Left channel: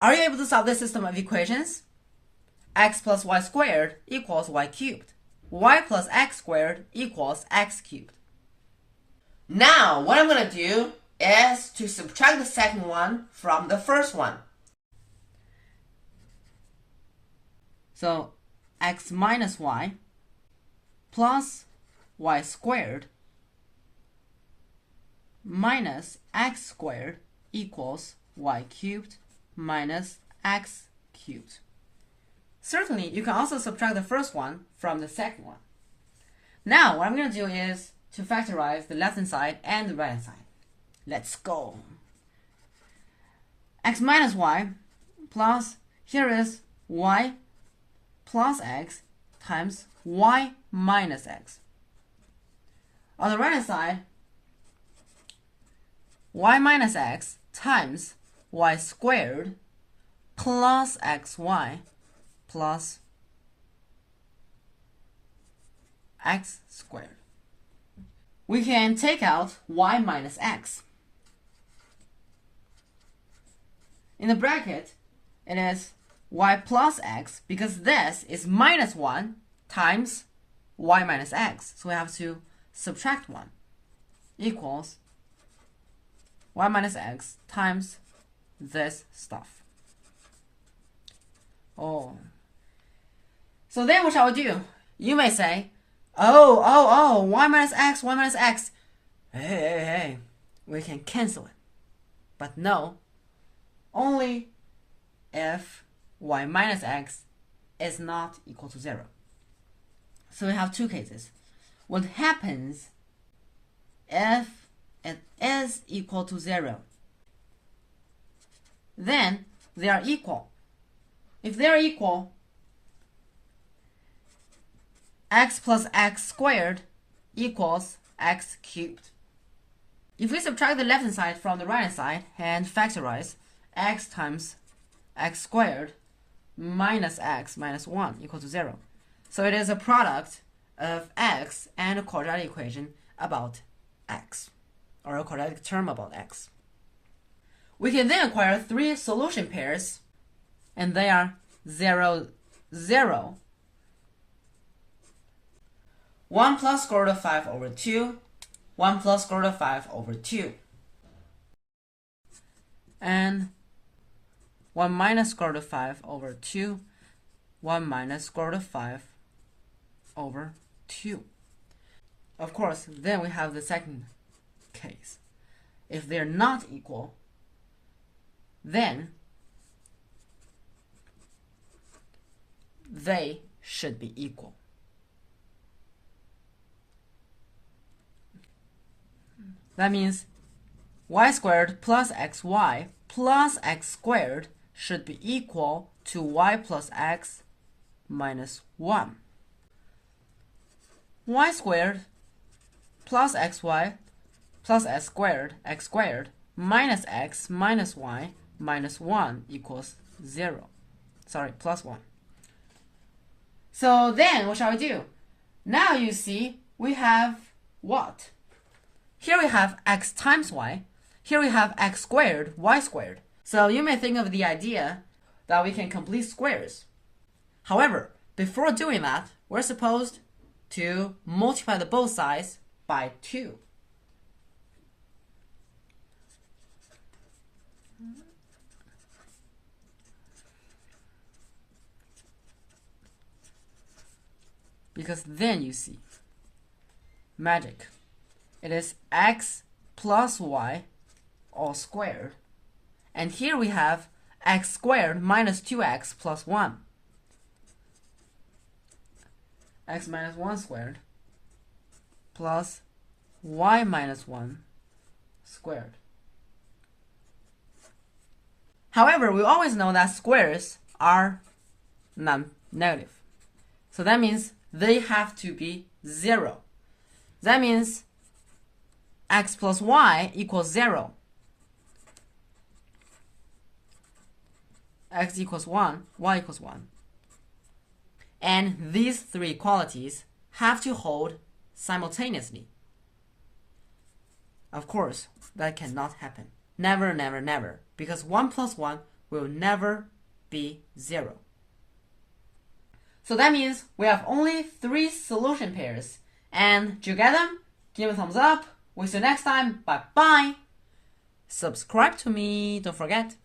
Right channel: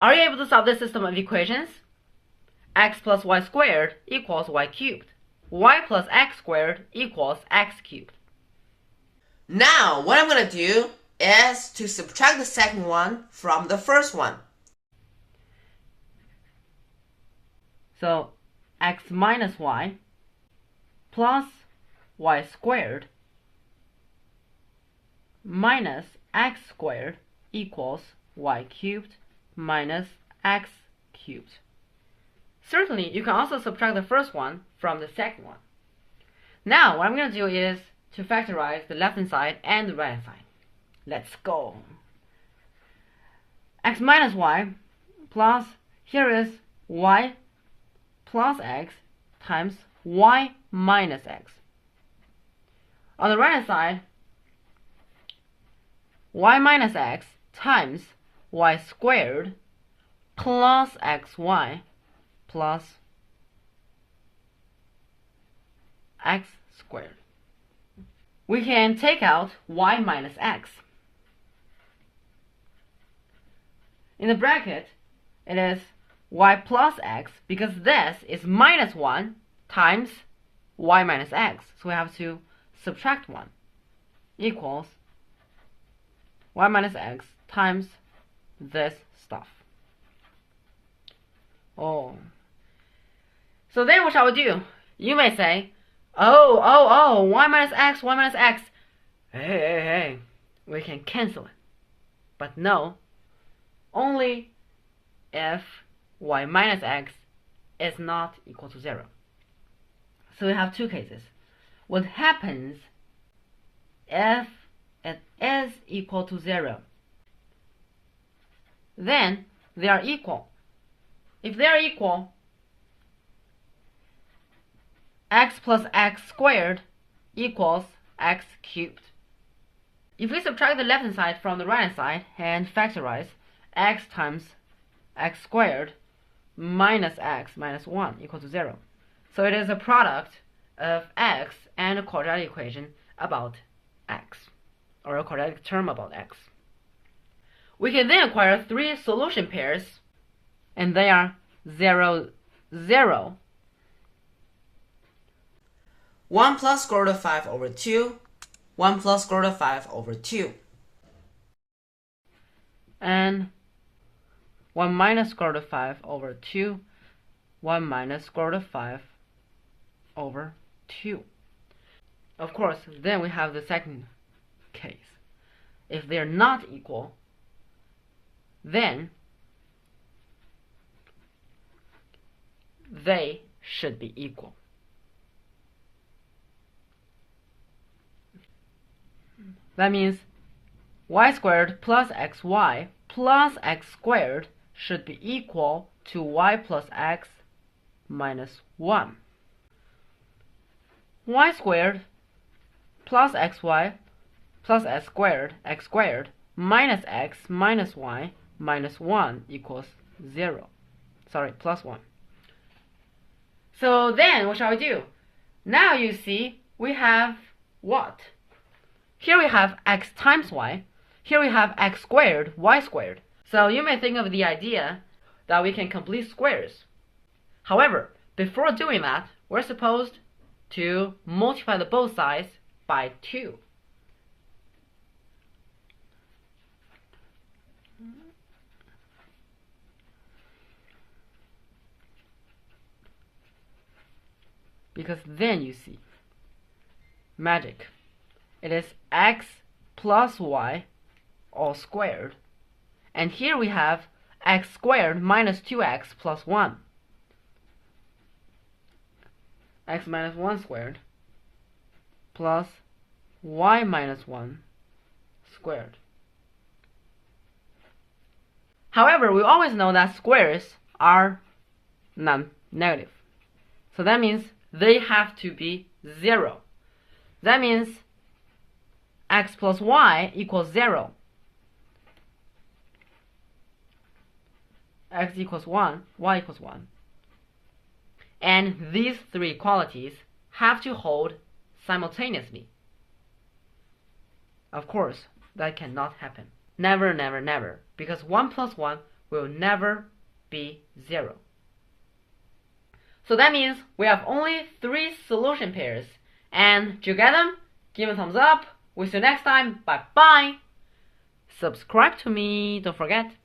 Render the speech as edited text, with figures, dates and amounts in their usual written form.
Are you able to solve this system of equations? X plus y squared equals y cubed. Y plus x squared equals x cubed. Now, what I'm going to do is to subtract the second one from the first one. So, x minus y plus y squared minus x squared equals y cubed minus x cubed. Certainly, you can also subtract the first one from the second one. Now, what I'm going to do is to factorize the left-hand side and the right-hand side. Let's go. X minus y plus, here is y plus x times y minus x. On the right-hand side, y minus x times y squared plus xy plus x squared. We can take out y minus x. In the bracket, it is y plus x, because this is minus 1 times y minus x. So we have to subtract 1 equals y minus x times this stuff. Oh. So then what shall we do? You may say, oh, y minus x, y minus x. Hey, we can cancel it. But no, only if y minus x is not equal to 0. So we have two cases. What happens if it is equal to 0? Then they are equal. If they are equal, x plus x squared equals x cubed. If we subtract the left-hand side from the right-hand side and factorize, x times x squared minus x minus 1 equals to 0. So it is a product of x and a quadratic equation about x, or a quadratic term about x. We can then acquire three solution pairs, and they are 0, 0, 1 plus square root of 5 over 2, 1 plus square root of 5 over 2, and 1 minus square root of 5 over 2, 1 minus square root of 5 over 2. Of course, then we have the second case. If they're not equal, then they should be equal. That means y squared plus xy plus x squared should be equal to y plus x minus 1. Y squared plus xy plus x squared minus x minus y minus 1 equals 0. Sorry, plus 1. So then what shall we do? Now you see we have what? Here we have x times y. Here we have x squared, y squared. So you may think of the idea that we can complete squares. However, before doing that, we're supposed to multiply the both sides by 2. Because then you see magic. It is x plus y all squared. And here we have x squared minus 2x plus 1. X minus 1 squared plus y minus 1 squared. However, we always know that squares are non-negative. So that means they have to be 0. That means x plus y equals 0. X equals 1, y equals 1. And these three qualities have to hold simultaneously. Of course, that cannot happen. Never, never, never. Because 1 plus 1 will never be 0. So that means we have only 3 solution pairs. And do you get them? Give me a thumbs up. We'll see you next time. Bye bye. Subscribe to me. Don't forget.